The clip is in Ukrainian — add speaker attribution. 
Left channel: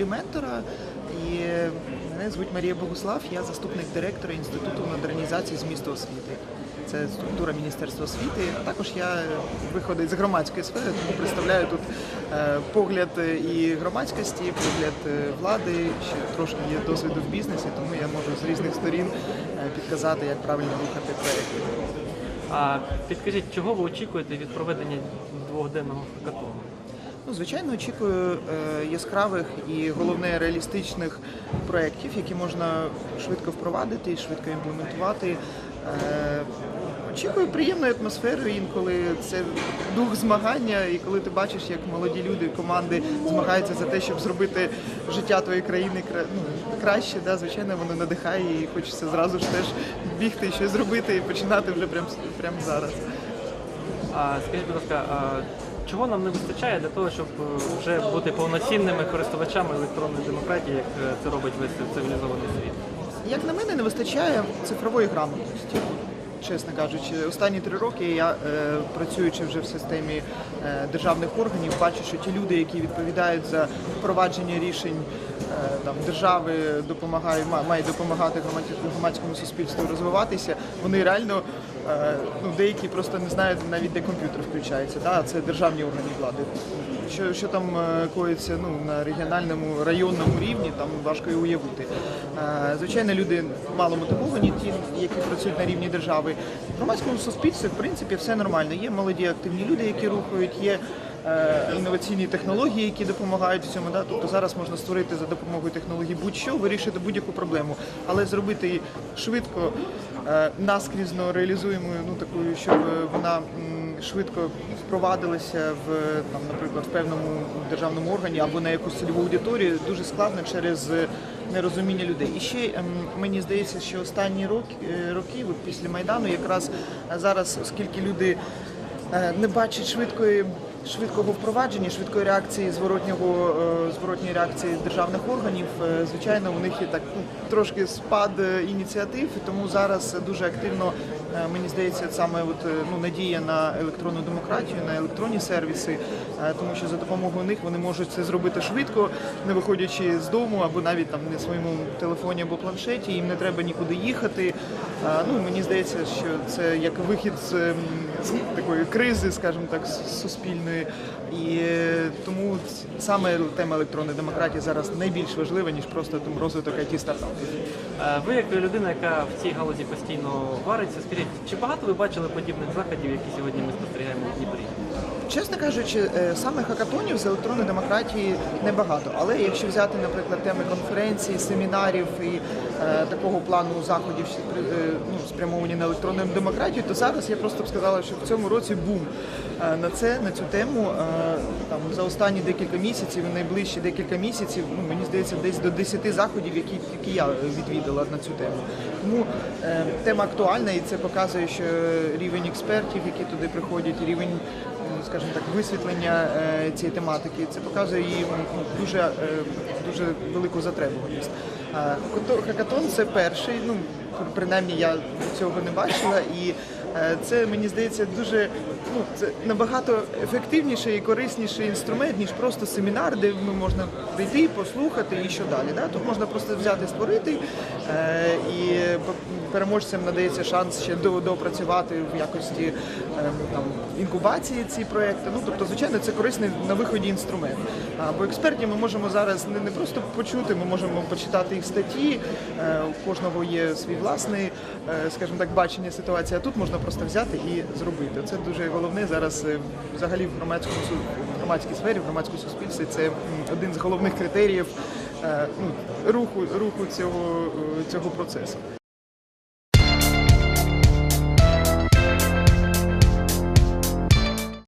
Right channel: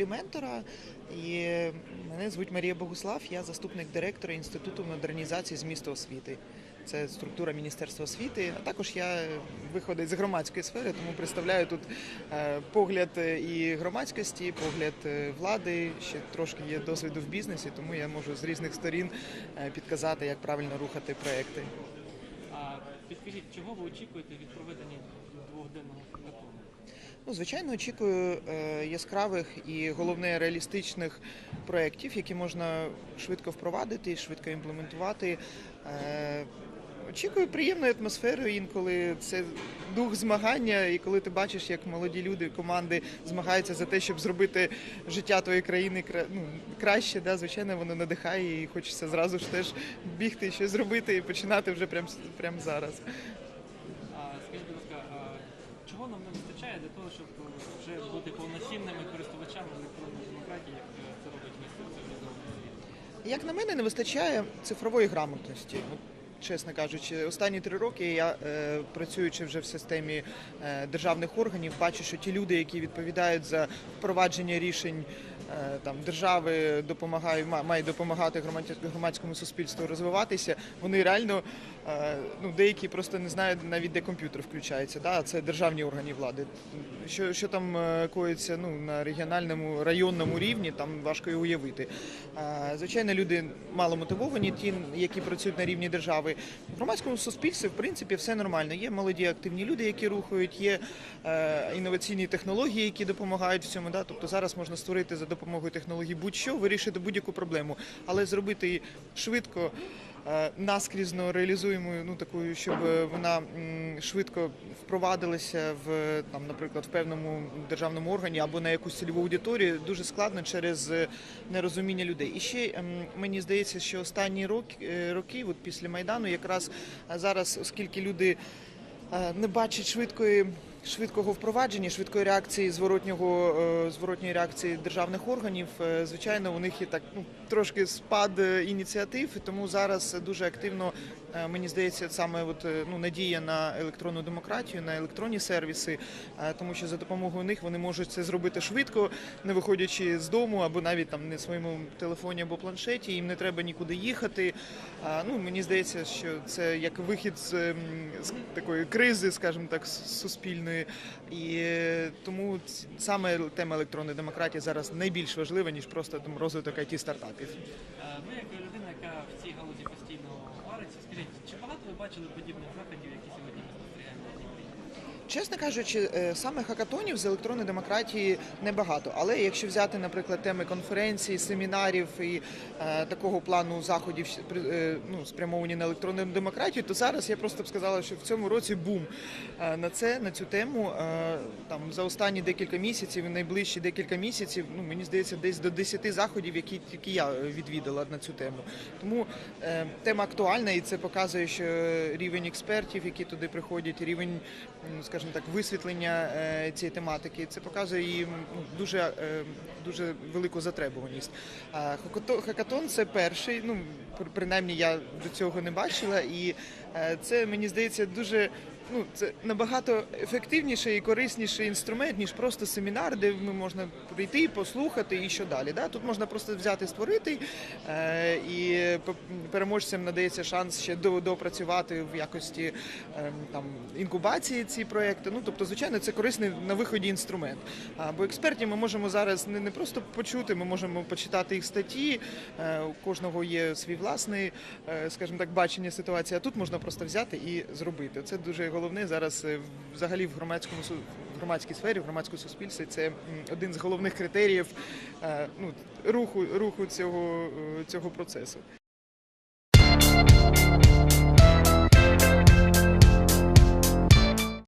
Speaker 1: ролі ментора. І мене звуть Марія Богуслав, я заступник директора Інституту модернізації змісту освіти. Це структура Міністерства освіти. А також я виходить з громадської сфери, тому представляю тут е, погляд і громадськості, погляд е, влади. Ще трошки є досвіду в бізнесі, тому я можу з різних сторін е, підказати, як правильно рухати проєкти.
Speaker 2: А підкажіть, чого ви очікуєте від проведення двохденного хакатону?
Speaker 1: Ну, звичайно, очікую е, яскравих і головне реалістичних проєктів, які можна швидко впровадити і швидко імплементувати. Е, очікую приємної атмосфери інколи це дух змагання, і коли ти бачиш, як молоді люди, команди змагаються за те, щоб зробити життя твоєї країни кра- ну, краще, да, звичайно, воно надихає і хочеться зразу ж теж бігти щось зробити і починати вже прямо прямо зараз.
Speaker 2: А скажіть, будь ласка, а чого нам не вистачає для того, щоб е, вже бути повноцінними користувачами електронної демократії, як е, це робить весь цивілізований світ?
Speaker 1: Як на мене, не вистачає цифрової грамотності. Чесно кажучи, останні три роки я, е, працюючи вже в системі е, державних органів, бачу, що ті люди, які відповідають за впровадження рішень е, там, держави, допомагають, ма- мають допомагати громадському- суспільству розвиватися, вони реально ну, деякі просто не знають навіть де комп'ютер включається. Да? Це державні органи влади. Що, що там коїться ну, на регіональному районному рівні, там важко і уявити. Звичайно, люди мало мотивовані, ті, які працюють на рівні держави. В громадському суспільстві, в принципі, все нормально. Є молоді активні люди, які рухають, є інноваційні технології, які допомагають в цьому. Да? Тобто зараз можна створити за допомогою технологій будь-що, вирішити будь-яку проблему, але зробити її швидко, е, наскрізно реалізуємою, ну такою, щоб е, вона. швидко впровадилися в там, наприклад, в певному державному органі або на якусь цільову аудиторію дуже складно через е, нерозуміння людей. І ще ем, мені здається, що останні роки, е, роки після майдану, якраз е, зараз, оскільки люди е, не бачать швидкої. Швидкого впровадження, швидкої реакції зворотнього е, зворотньої реакції державних органів, е, звичайно, у них є так ну, трошки спад е, ініціатив, тому зараз дуже активно мені здається саме от, ну, надія на електронну демократію, на електронні сервіси, тому що за допомогою них вони можуть це зробити швидко, не виходячи з дому або навіть там на своєму телефоні або планшеті. Їм не треба нікуди їхати. Ну мені здається, що це як вихід з, ем, з такої кризи, скажімо так, суспільної. І е, тому саме тема електронної демократії зараз найбільш важлива ніж просто там розвиток it стартапів.
Speaker 2: Ви, як людина, яка в цій галузі постійно вариться, скажіть, чи багато ви бачили подібних заходів, які сьогодні ми спостерігаємо в Дніпрі?
Speaker 1: Чесно кажучи, е, саме хакатонів з електронної демократії небагато. Але якщо взяти, наприклад, теми конференцій, семінарів і е, такого плану заходів, е, ну, спрямовані на електронну демократію, то зараз я просто б сказала, що в цьому році бум е, на це, на цю тему. Е, там за останні декілька місяців, найближчі декілька місяців, ну мені здається, десь до 10 заходів, які, які я відвідала на цю тему. Тому е, тема актуальна, і це показує, що рівень експертів, які туди приходять, рівень ну, скажімо так, висвітлення е, цієї тематики. Це показує її ну, дуже, е, дуже велику затребуваність. А Хакатон це перший, ну принаймні я цього не бачила, і е, це мені здається дуже ну це набагато ефективніший і корисніший інструмент, ніж просто семінар, де можна прийти, послухати і що далі. Да? Тут можна просто взяти, створити е, і переможцям надається шанс ще до- доопрацювати в якості е, там інкубації ці проекти. Ну тобто, звичайно, це корисний на виході інструмент. Бо експертів ми можемо зараз не, не просто почути, ми можемо почитати їх статті. е, У кожного є свій власний, е, скажімо так, бачення ситуації. А тут можна просто взяти і зробити. Це дуже головне зараз взагалі в громадському громадській сфері, в громадському суспільстві. Це один з головних критеріїв ну, руху руху цього, цього процесу.